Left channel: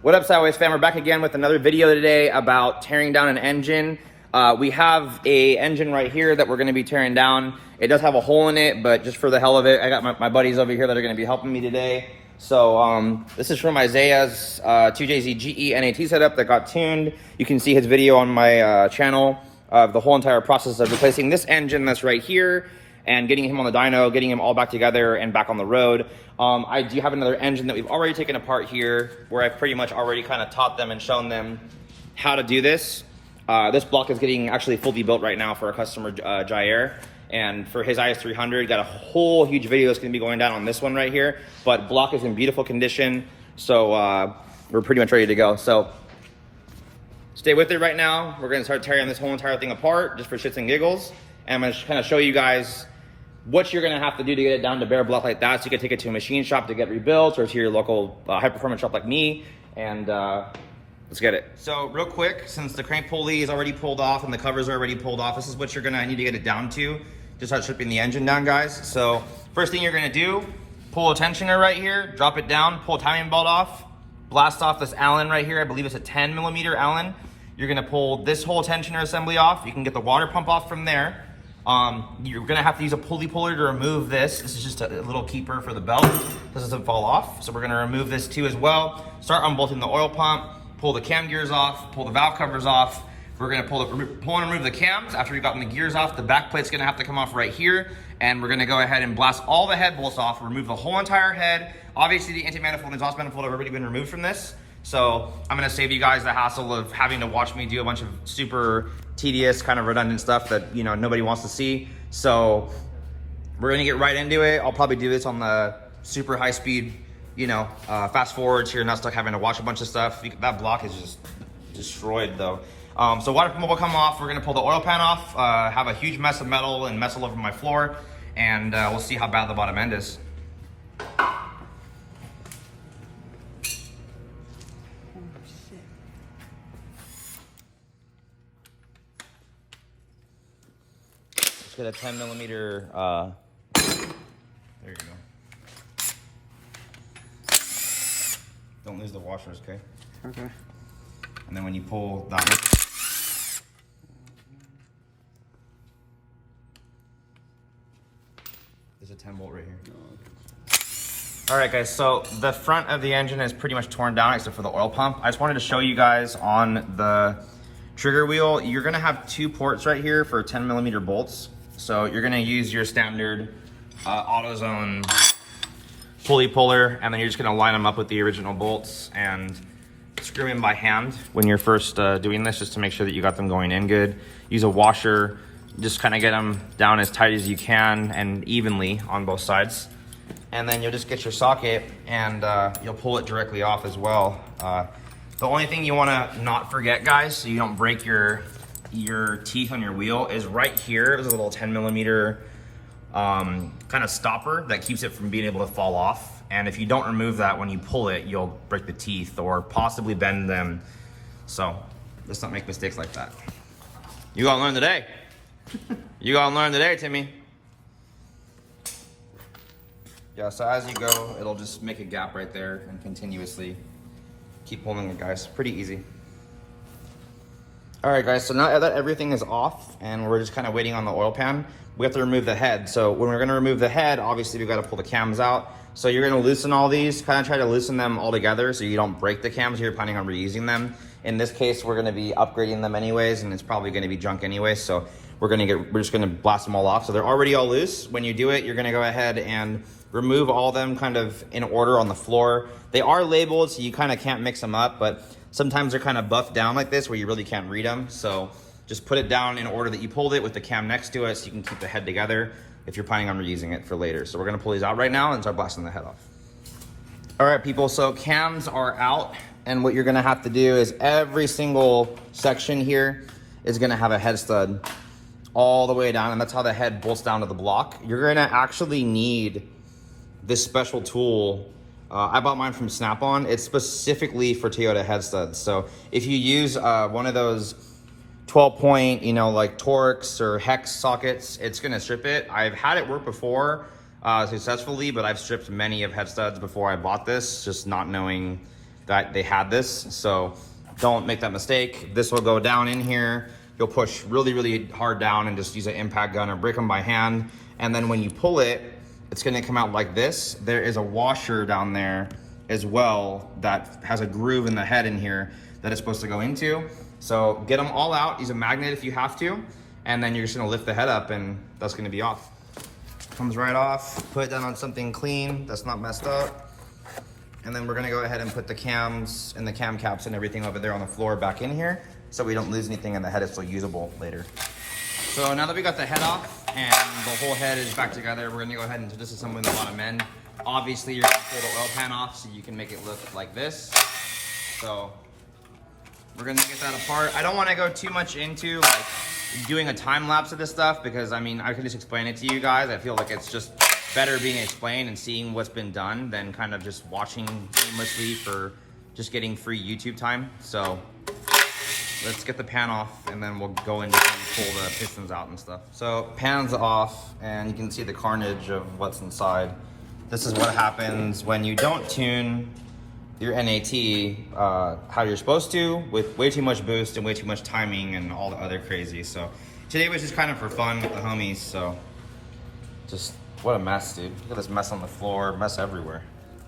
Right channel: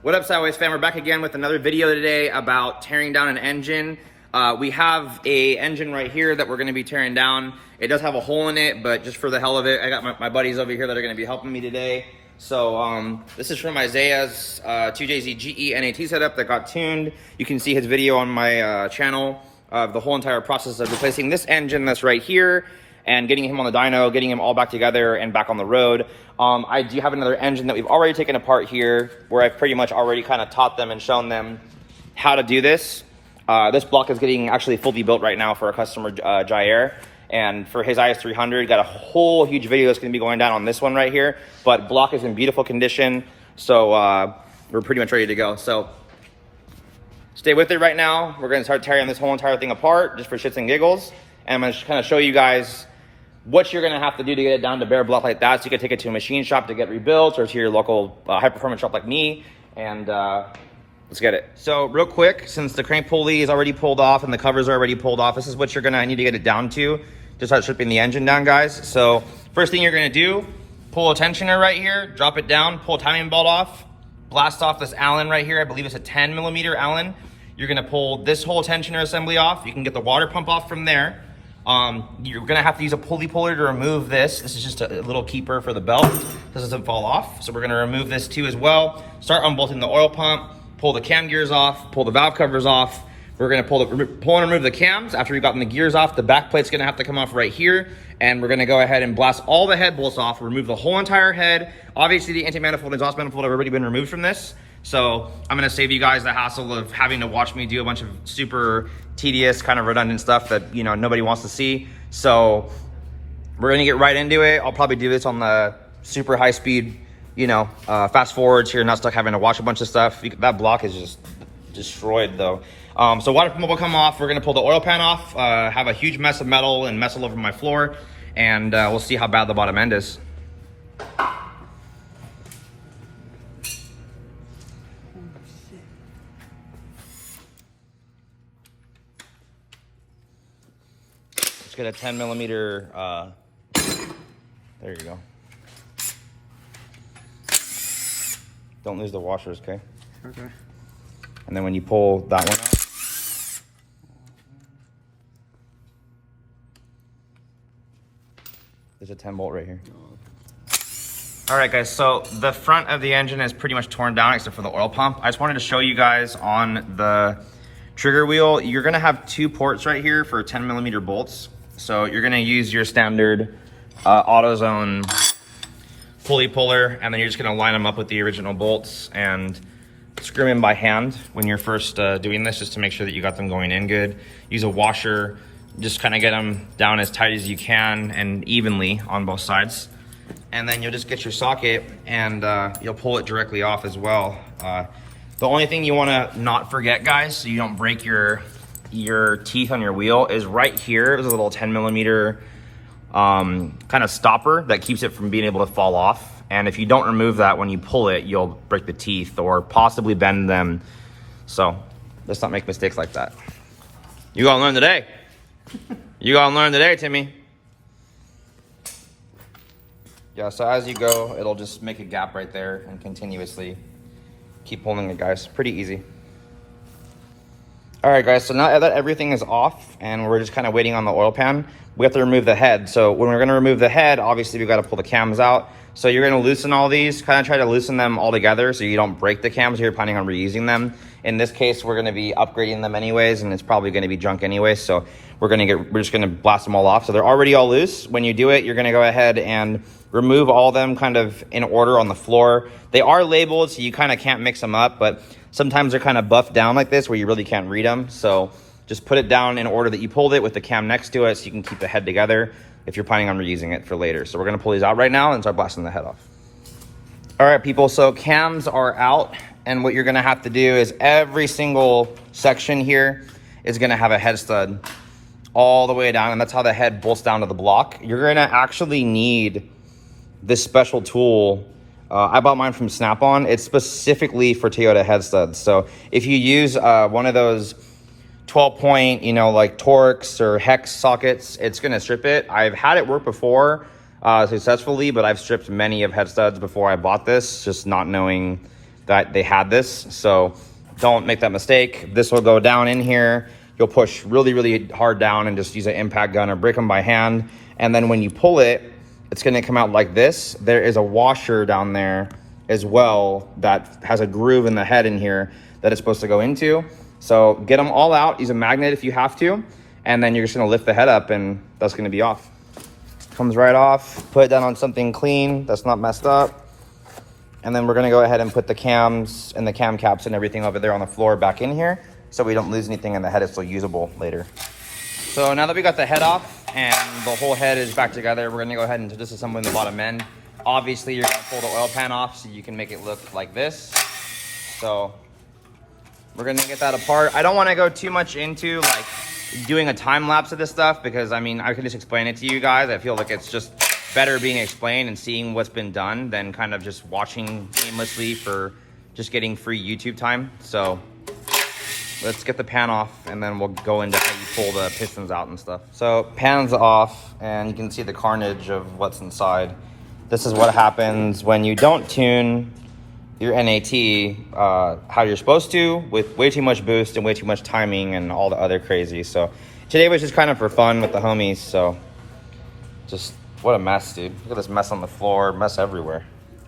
What up, Sideways fam? We're back again with another video today about tearing down an engine. We have a engine right here that we're going to be tearing down. It does have a hole in it, but just for the hell of it, I got my buddies over here that are going to be helping me today. So this is from Isaiah's 2JZ GE NAT setup that got tuned. You can see his video on my channel of the whole entire process of replacing this engine that's right here and getting him on the dyno, getting him all back together and back on the road. I do have another engine that we've already taken apart here where I've pretty much already kind of taught them and shown them how to do this. This block is getting actually fully built right now for our customer, Jair. And for his is300, got a whole huge video that's going to be going down on this one right here. But block is in beautiful condition, so we're pretty much ready to go. So stay with it right now. We're going to start tearing this whole entire thing apart just for shits and giggles. And I'm going to kind of show you guys what you're going to have to do to get it down to bare block like that, so you can take it to a machine shop to get rebuilt, or to your local high performance shop like me, and let's get it. So real quick, since the crank pulley is already pulled off and the covers are already pulled off, this is what you're going to need to get it down to start stripping the engine down, guys. So first thing you're going to do, pull a tensioner right here, drop it down, pull a timing belt off, blast off this Allen right here. I believe it's a 10mm Allen. You're going to pull this whole tensioner assembly off. You can get the water pump off from there. You're gonna have to use a pulley puller to remove this. This is just a little keeper for the belt. This doesn't fall off. So we're gonna remove this too as well. Start unbolting the oil pump, pull the cam gears off, pull the valve covers off. We're gonna pull and remove the cams. After we've gotten the gears off, the back plate's gonna have to come off right here. And we're gonna go ahead and blast all the head bolts off, remove the whole entire head. Obviously the anti-manifold and exhaust manifold have already been removed from this. So I'm gonna save you guys the hassle of having to watch me do a bunch of super tedious, kind of redundant stuff that, you know, nobody wants to see. So we're gonna get right into it. I'll probably do this on the super high speed, you know, fast forwards here, not stuck having to watch a bunch of stuff. That block is just destroyed though. So water pump will come off. We're gonna pull the oil pan off, have a huge mess of metal and mess all over my floor, and we'll see how bad the bottom end is. Get a 10mm, there you go. Don't lose the washers, okay? Okay. And then when you pull that one out, there's a 10 bolt right here. All right, guys, so the front of the engine is pretty much torn down except for the oil pump. I just wanted to show you guys on the trigger wheel, you're gonna have two ports right here for 10mm bolts. So you're gonna use your standard AutoZone pulley puller, and then you're just gonna line them up with the original bolts and screw them in by hand when you're first doing this, just to make sure that you got them going in good. Use a washer, just kind of get them down as tight as you can and evenly on both sides. And then you'll just get your socket and you'll pull it directly off as well. The only thing you wanna not forget, guys, so you don't break your teeth on your wheel, is right here. There's a little 10mm kind of stopper that keeps it from being able to fall off. And if you don't remove that, when you pull it, you'll break the teeth or possibly bend them. So let's not make mistakes like that. You gotta learn today. You gotta learn today, Timmy. Yeah, so as you go, it'll just make a gap right there and continuously keep pulling it, guys. Pretty easy. All right, guys, so now that everything is off and we're just kind of waiting on the oil pan, we have to remove the head. So when we're gonna remove the head, obviously we've got to pull the cams out. So you're gonna loosen all these, kind of try to loosen them all together so you don't break the cams. You're planning on reusing them. In this case, we're gonna be upgrading them anyways, and it's probably gonna be junk anyways. So we're just gonna blast them all off. So they're already all loose. When you do it, you're gonna go ahead and remove all of them kind of in order on the floor. They are labeled, so you kind of can't mix them up, but sometimes they're kind of buffed down like this where you really can't read them. So just put it down in order that you pulled it with the cam next to it so you can keep the head together if you're planning on reusing it for later. So we're gonna pull these out right now and start blasting the head off. All right, people, so cams are out, and what you're gonna have to do is every single section here is gonna have a head stud all the way down, and that's how the head bolts down to the block. You're gonna actually need this special tool. I bought mine from Snap-on. It's specifically for Toyota head studs. So if you use one of those 12-point, you know, like Torx or Hex sockets, it's gonna strip it. I've had it work before successfully, but I've stripped many of head studs before I bought this, just not knowing that they had this. So don't make that mistake. This will go down in here. You'll push really, really hard down and just use an impact gun or break them by hand. And then when you pull it, it's gonna come out like this. There is a washer down there as well that has a groove in the head in here that it's supposed to go into. So get them all out, use a magnet if you have to, and then you're just gonna lift the head up and that's gonna be off. Comes right off, put it down on something clean that's not messed up. And then we're gonna go ahead and put the cams and the cam caps and everything over there on the floor back in here so we don't lose anything and the head is still usable later. So now that we got the head off and the whole head is back together, we're gonna go ahead and disassemble the bottom end. Obviously, you're gonna pull the oil pan off so you can make it look like this. So we're gonna get that apart. I don't wanna go too much into like doing a time lapse of this stuff because I mean, I can just explain it to you guys. I feel like it's just better being explained and seeing what's been done than kind of just watching aimlessly for just getting free YouTube time. So let's get the pan off and then we'll go into how you pull the pistons out and stuff. So pan's off and you can see the carnage of what's inside. This is what happens when you don't tune your NAT how you're supposed to, with way too much boost and way too much timing and all the other crazy. So today was just kind of for fun with the homies. So just what a mess, dude. Look at this mess on the floor, mess everywhere.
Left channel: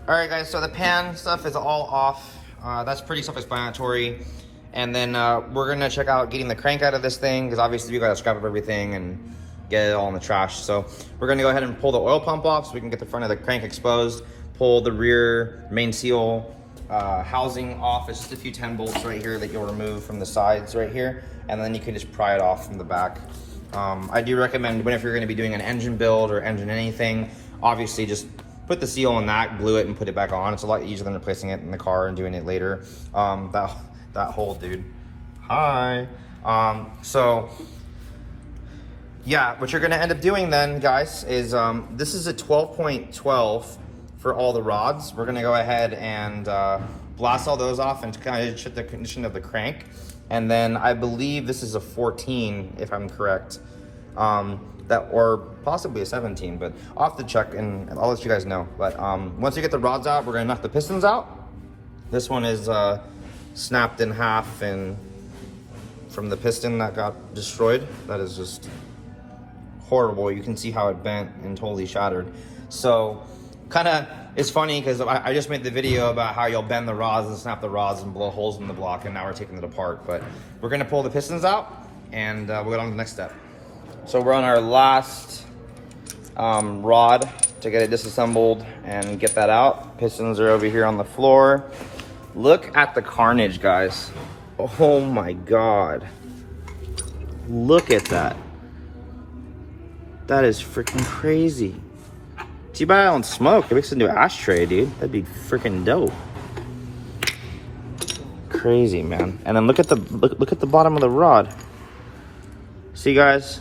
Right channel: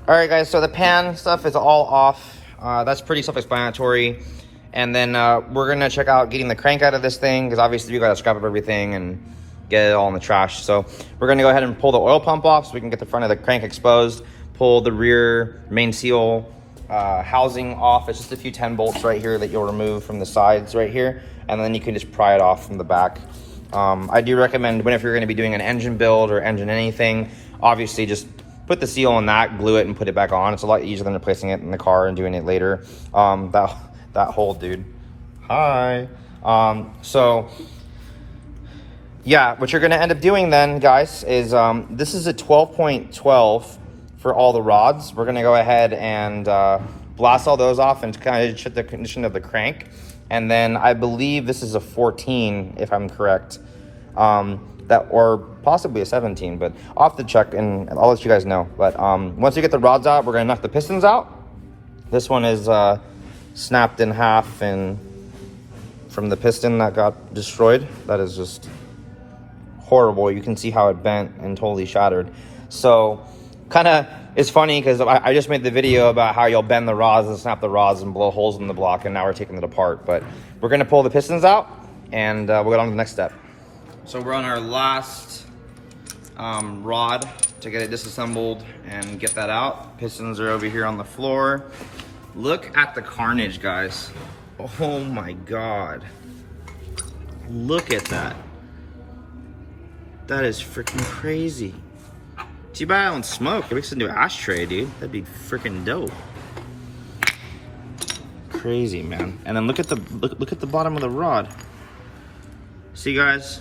All right, guys, so the pan stuff is all off. That's pretty self-explanatory. And then we're gonna check out getting the crank out of this thing because obviously you gotta scrap up everything and get it all in the trash. So we're gonna go ahead and pull the oil pump off so we can get the front of the crank exposed, pull the rear main seal housing off. It's just a few 10 bolts right here that you'll remove from the sides right here. And then you can just pry it off from the back. I do recommend whenever you're gonna be doing an engine build or engine anything, obviously just put the seal on that, glue it and put it back on. It's a lot easier than replacing it in the car and doing it later. That hole, dude. Hi. So yeah, what you're gonna end up doing then, guys, is this is a 12.12 for all the rods. We're gonna go ahead and blast all those off and kind of check the condition of the crank. And then I believe this is a 14, if I'm correct. Or possibly a 17, but I'll have to check and I'll let you guys know. But once you get the rods out, we're gonna knock the pistons out. This one is snapped in half and from the piston that got destroyed. That is just horrible. You can see how it bent and totally shattered. So kind of, it's funny because I just made the video about how you'll bend the rods and snap the rods and blow holes in the block, and now we're taking it apart. But we're gonna pull the pistons out and we'll get on to the next step. So we're on our last rod to get it disassembled and get that out. Pistons are over here on the floor. Look at the carnage, guys. Oh my God. Look at that. That is freaking crazy. Too bad I don't smoke. It makes a new ashtray, dude. That'd be freaking dope. Crazy, man. And then look at the bottom of the rod. See, guys?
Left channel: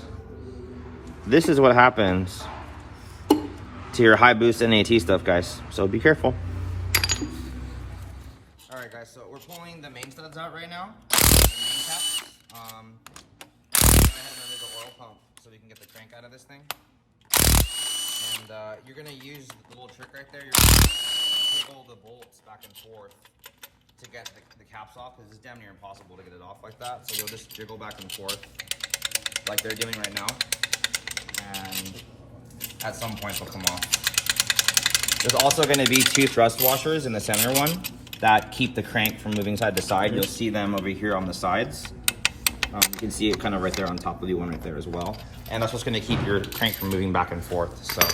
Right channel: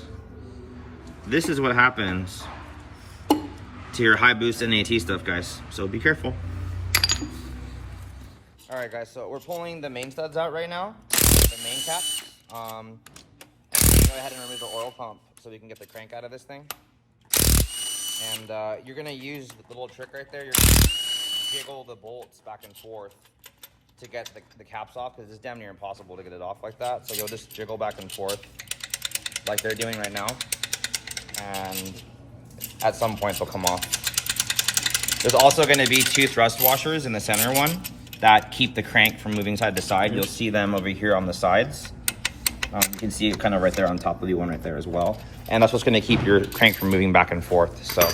This is what happens to your high boost NAT stuff, guys. So be careful. All right, guys, so we're pulling the main studs out right now, the main cap. And go ahead and remove the oil pump so we can get the crank out of this thing. And you're gonna use the little trick right there. You're gonna jiggle the bolts back and forth to get the caps off because it's damn near impossible to get it off like that. So you'll just jiggle back and forth like they're doing right now. And at some point they'll come off. There's also gonna be 2 thrust washers in the center one that keep the crank from moving side to side. You'll see them over here on the sides. You can see it kind of right there on top of the one right there as well. And that's what's gonna keep your crank from moving back and forth. So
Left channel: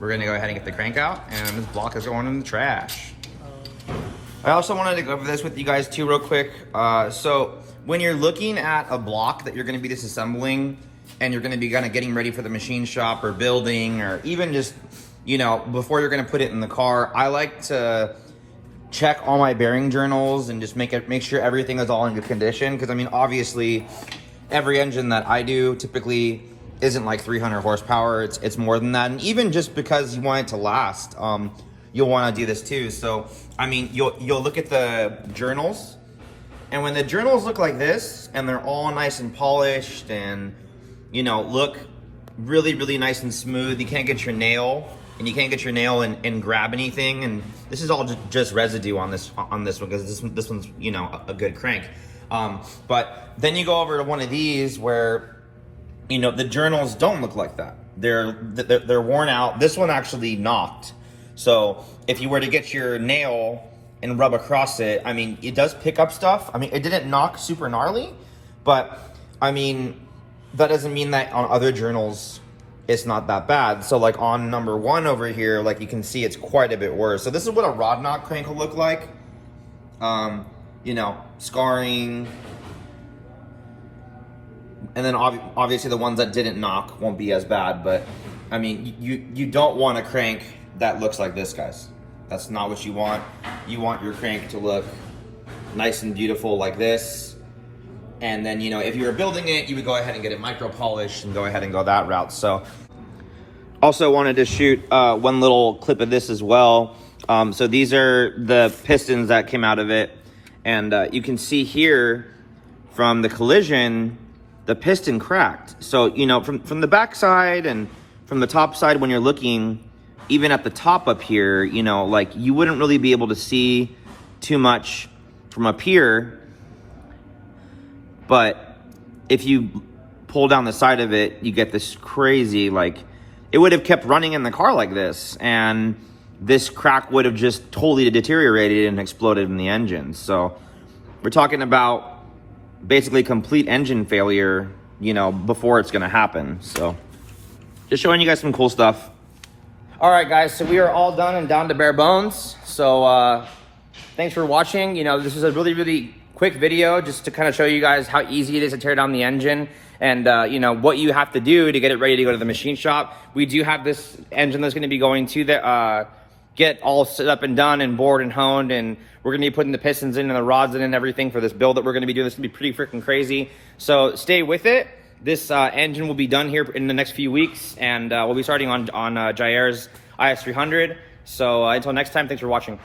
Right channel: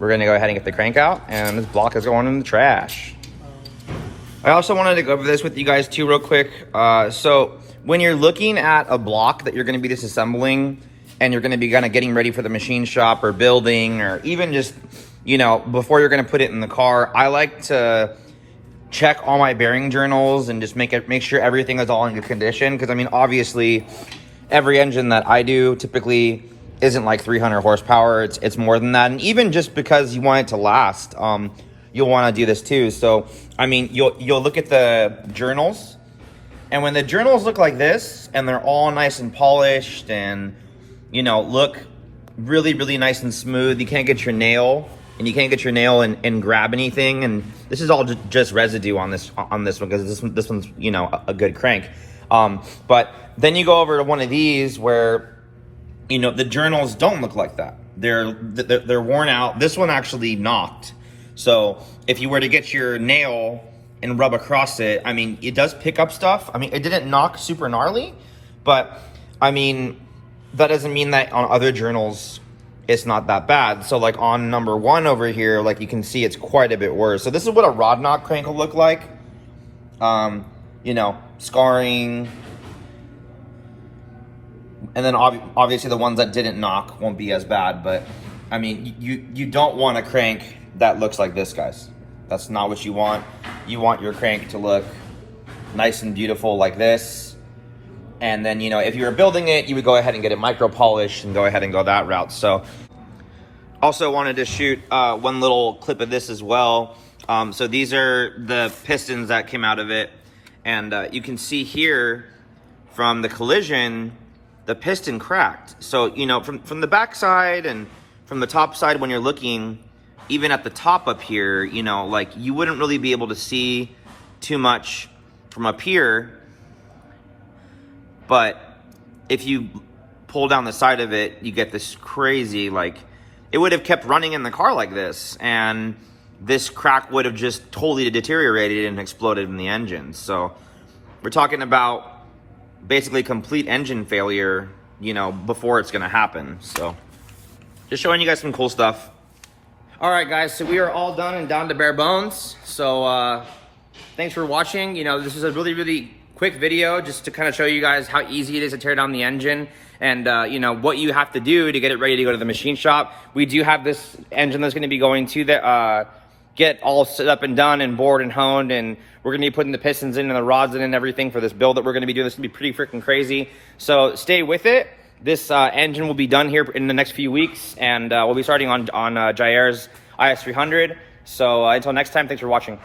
we're gonna go ahead and get the crank out, and this block is going in the trash. I also wanted to go over this with you guys too real quick. So when you're looking at a block that you're gonna be disassembling and you're gonna be kind of getting ready for the machine shop or building, or even just, you know, before you're gonna put it in the car, I like to check all my bearing journals and just make sure everything is all in good condition. Because I mean, obviously, every engine that I do typically isn't like 300 horsepower. It's more than that. And even just because you want it to last, you'll want to do this too. So I mean, you'll look at the journals, and when the journals look like this and they're all nice and polished and, you know, look really, really nice and smooth, you can't get your nail and you can't get your nail and grab anything. And this is all just residue on this one, because this one's, you know, a good crank. But then you go over to one of these where, you know, the journals don't look like that. They're worn out. This one actually knocked. So if you were to get your nail and rub across it, I mean, it does pick up stuff. I mean, it didn't knock super gnarly, but I mean, that doesn't mean that on other journals it's not that bad. So like on number 1 over here, like you can see it's quite a bit worse. So this is what a rod knock crank will look like. You know, scarring. And then obviously the ones that didn't knock won't be as bad, but I mean, you don't want a crank that looks like this, guys. That's not what you want. You want your crank to look nice and beautiful like this. And then, you know, if you were building it, you would go ahead and get it micro polished and go ahead and go that route. So also wanted to shoot one little clip of this as well. So these are the pistons that came out of it. And you can see here from the collision, the piston cracked. So, you know, from the back side and from the top side, when you're looking, even at the top up here, you know, like you wouldn't really be able to see too much from up here. But if you pull down the side of it, you get this crazy, like, it would have kept running in the car like this, and this crack would have just totally deteriorated and exploded in the engine. So we're talking about basically complete engine failure, you know, before it's gonna happen. So just showing you guys some cool stuff. All right, guys, so we are all done and down to bare bones. So thanks for watching. You know, this is a really quick video just to kind of show you guys how easy it is to tear down the engine, and you know, what you have to do to get it ready to go to the machine shop. We do have this engine that's going to be going to the get all set up and done and bored and honed, and we're going to be putting the pistons in and the rods in and everything for this build that we're going to be doing. This is going to be pretty freaking crazy, so stay with it. This engine will be done here in the next few weeks, and we'll be starting on Jair's is300. So until next time, thanks for watching.